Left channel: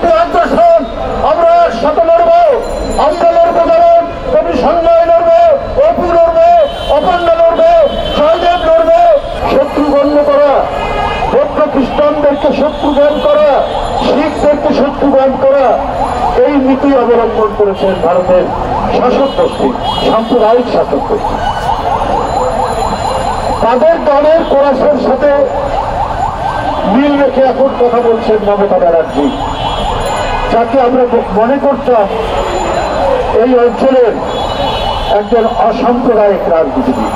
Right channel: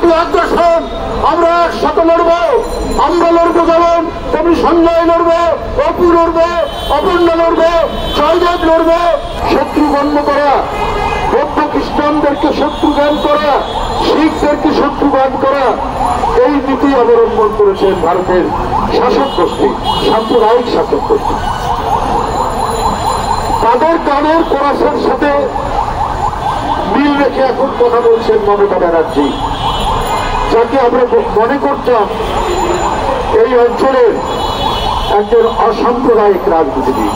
ভারতীয় আগ্রাসন আমরা একসাথে লড়বো। আমরা লড়বো যেমন তেমনি সঞ্জয় লড়বে, অপু লড়বে, অপর্ণা লড়বে, জয়দেব লড়বে। শত্রু গণ্য করা, বৌদ্ধ খ্রিস্টানদেরকে শত্রু জ্ঞান করা, শিখদেরকে শত্রু জ্ঞান করা, এই নীতি অবলম্বন করেছেন ভারতের শাসক গোষ্ঠী, সাম্প্রদায়িক শাসক গোষ্ঠী। তাদের দলের কোরাসের সাথে মিল রেখে এখন কথা বলছেন মমতা ব্যানার্জি, যাকে আমরা মনে করতাম এই অঞ্চলের একজন অসাম্প্রদায়িক রাজনীতিবিদ,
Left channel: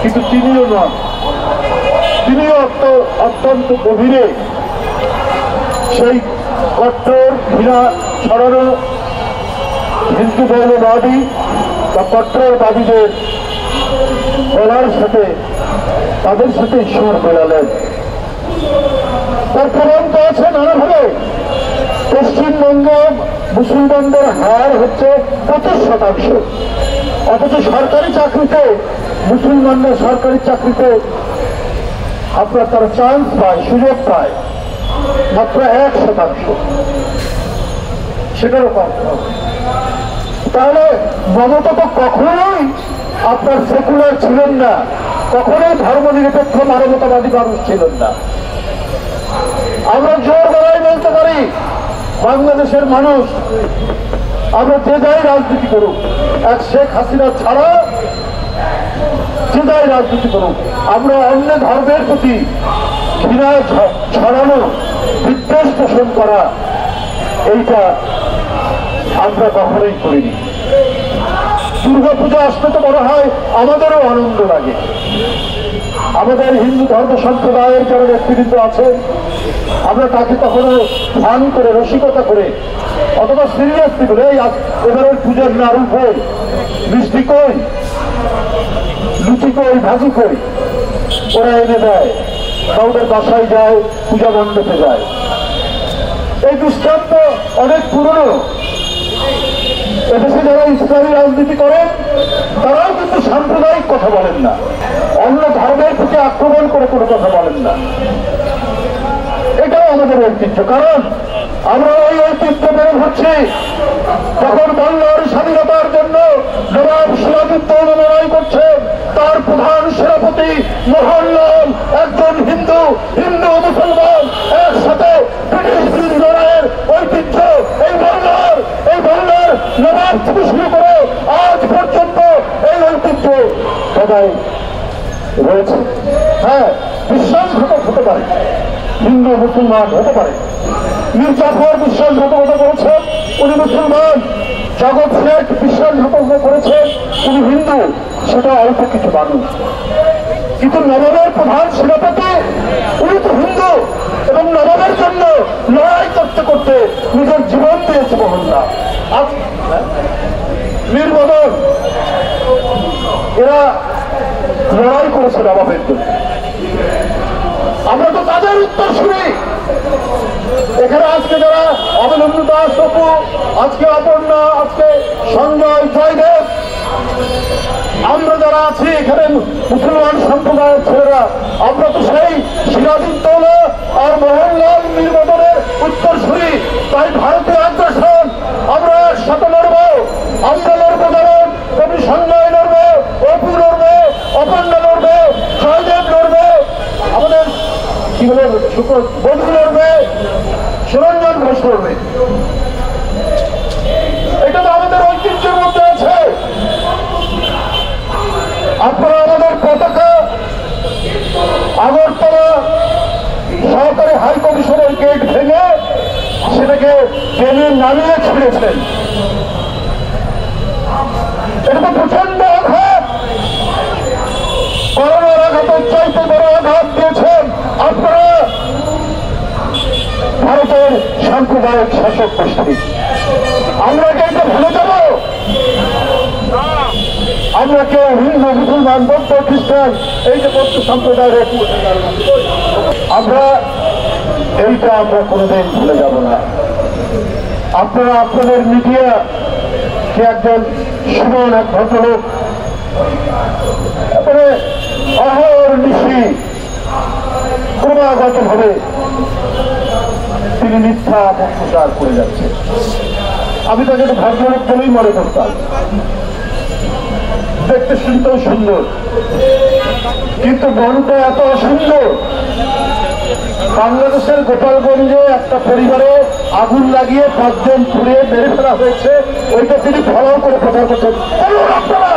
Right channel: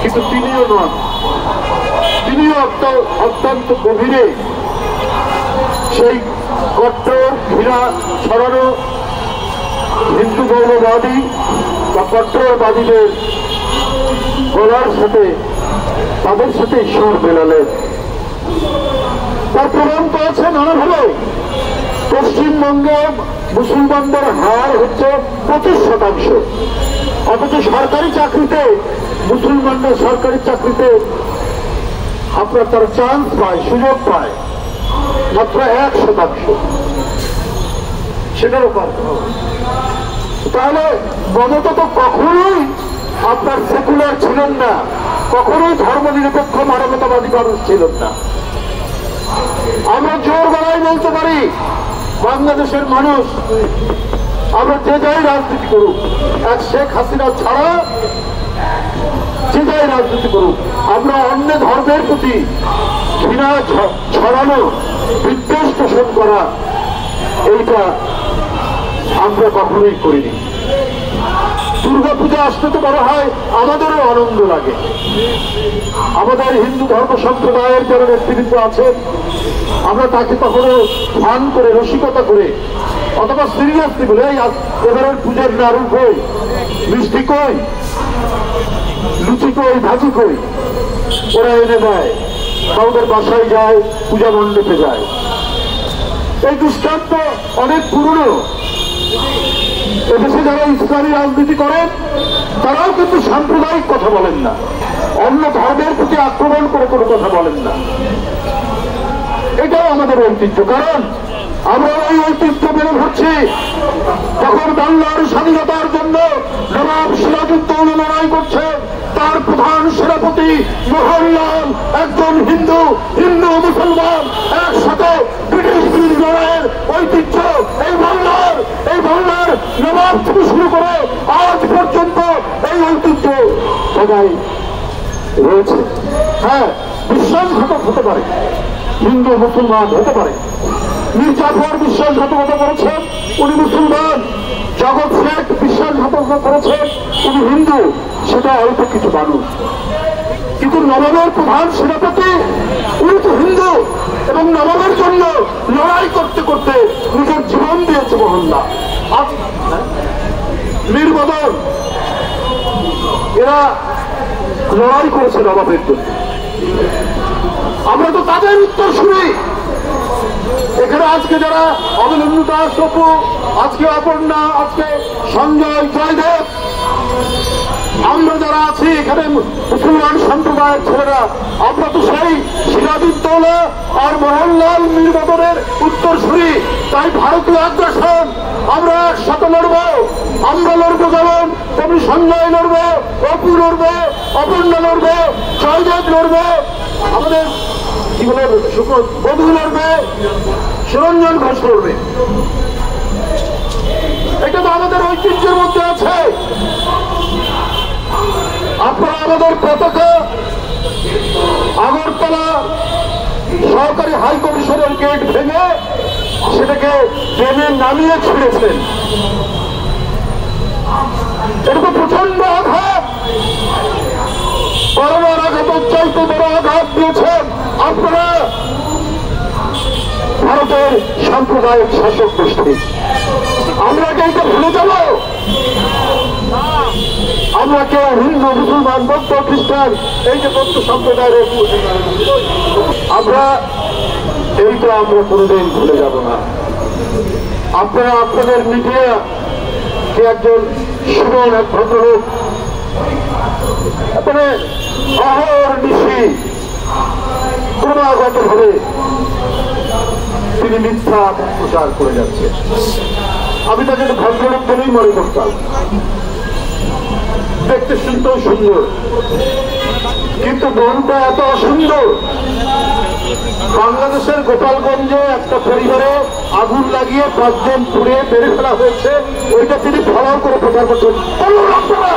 কিন্তু তিনিও নন। তিনিও অত্যন্ত গভীরে সেই কট্টর ঘৃণা ছড়ানো হিন্দু মৌলবাদী বা কট্টরবাদীদের গলার সাথে তাদের সাথে ঈশ্বর মেলালেন। তার প্রমাণ পাচ্ছে নানাভাবে। পশ্চিমবঙ্গে মুসলমানদের হার হচ্ছে 25%, অথচ সরকারি চাকরিতে মুসলমানরা সরকারি চাকরিতে আপনার তারা চান্স পায়, সুযোগ পায় মাত্র 1%। সেটারও পারতে হবে। তাহলে মমতা তো কখনোই আপনার সেকুলার ছিলেন না, কখনোই ধর্মনিরপেক্ষ মানবতাবাদী মানুষ ছিলেন না। আমরা জোর গলায় বলতে পারি, বাংলাদেশের মানুষ আমরা যে যাই রাজনীতি করুক, এক শেখ হাসিনা ছাড়া যে যাই রাজনীতি করুক, আমরা অন্য ধর্মের প্রতি ঘৃণা ছড়ানো, বিদ্বেষ পোষণ করা, এইটা আমরা কখনোই করিনি। দুর্গাপূজা আসতে তো বড় হয়, আমাদেরও আনন্দ লাগে। আমাদের হিন্দু ধর্ম সম্প্রদায়ের যারা ব্যক্তিবৃন্দ আছেন, আমরা তাকে কখনো ফান করে, রসিকতা করে অথবা সিরিয়াসলি বলে এবারের পুজোর নাড়ু কই, মিষ্টি কই, লুচি কই, ভাজি কই, ওরা এনে দেয়, কাউদের বাসায় যায়, পূজা মণ্ডপে যায়। এই দৃষ্টান্ত অনেক পুরনো। এদেশে যারা ইসলামী রাজনীতি করেন তারাও কিন্তু সাম্প্রদায়িক কথা বলেন না, অন্য ধর্মের প্রতি আক্রমণ করে কোনো কথা বলেন না। এটাও আমাদের ঐতিহ্য, কারণ আমরা ওই ঐতিহ্য মেনে ধরছি। যখন বাংলার স্বাধীনতার জন্য নবাব সিরাজউদ্দৌলা লড়াই করছে, তার প্রধান সেনাপতি মোহনলাল একজন হিন্দু, হিন্দু মুসলমান একসাথে ব্রিটিশ বিরোধী লড়াইয়ের ঐতিহ্য এই বাংলার নবাব থেকে শুরু করে আজ পর্যন্ত এই ঐতিহ্য সবাই রয়েছে। হ্যাঁ, বিশ্বাসঘাতক হতে পারে, হিন্দু মুসলমান হতে পারে। মীর জাফর বিশ্বাসঘাতকতা করেছেন, উনি মুসলমান। জগৎ শেখ বিশ্বাসঘাতকতা করেছেন, উনি হিন্দু। সেটা অল্প কিছু মানুষ, কিন্তু নবাবের প্রধান সেনাপতি উনি তো হিন্দু, এবং নবাবের জন্য লড়াই করতে করতে নিজের জীবন দিয়েছে মোহনলাল। মীর মদন, এরা লড়াই করেছে নবাবের জন্য। আমরা তো তাদের উত্তর শুনি। এখানে আজকে যারা অবলম্বন দাস, অপু, আজকে অপর্ণা, আজকে সঞ্জয়, জয়দেব, আমরা যারা আছি এখানে মুসলমান সম্প্রদায়ের ছেলেরা, আমরা তো সেই সিরাজউদ্দৌলা আর মোহনলাল, মীর মদনের উত্তর শুনি। তাই ভারতীয় আগ্রাসন আমরা একসাথে লড়বো। আমরা লড়বো যেমন তেমনি সঞ্জয় লড়বে, অপু লড়বে, অপর্ণা লড়বে, জয়দেব লড়বে, আমাদের কি বলে বধু লড়বে, সুরঞ্জন ঘোষ লড়বে। এটা তো আমাদের ঐতিহ্যের মধ্যে আছে। আপনারা আমাদের পতাকা আগরতলা সহকারী হাই কমিশনের গেট ভেঙে সেটাকে ট্রেনে নামিয়ে ছিঁড়েছেন। এটা তো প্রচন্ড আঘাত, করোনার আঘাতের চাইতে বড় আঘাত দিয়েছেন আপনারা ভারতের সাম্প্রদায়িক শাসক গোষ্ঠী। আমরা কি এটা ভুলে যাব? আমরা কেউ হিন্দু, মুসলমান, বৌদ্ধ, খ্রিস্টান, এই যে বৌদ্ধ সম্প্রদায়ের আমরা এইটা আমরা কোনোদিন ভুলে যাব না। আপনারা আপনাদের মিডিয়া কে একজন সুমন, এক ভদ্রলোক, তারপরে অহর্নিশি ক্রমাগত ভাবে তিনি মিথ্যা অপপ্রচার করে যাচ্ছেন। আমি তাকে তো ভদ্রলোক বলেই মনে করতাম, দেখতে শুনতেও সুন্দর, কিন্তু মনটা এত অসুন্দর। বাংলাদেশের গোপালগঞ্জে একটা পরিবারে আগুন লাগিয়ে 5 জন পুড়িয়ে মেরে ফেলা হয়েছে, ওইটা তিনি ফলাও করে প্রচার করছেন। বলুন আপনারা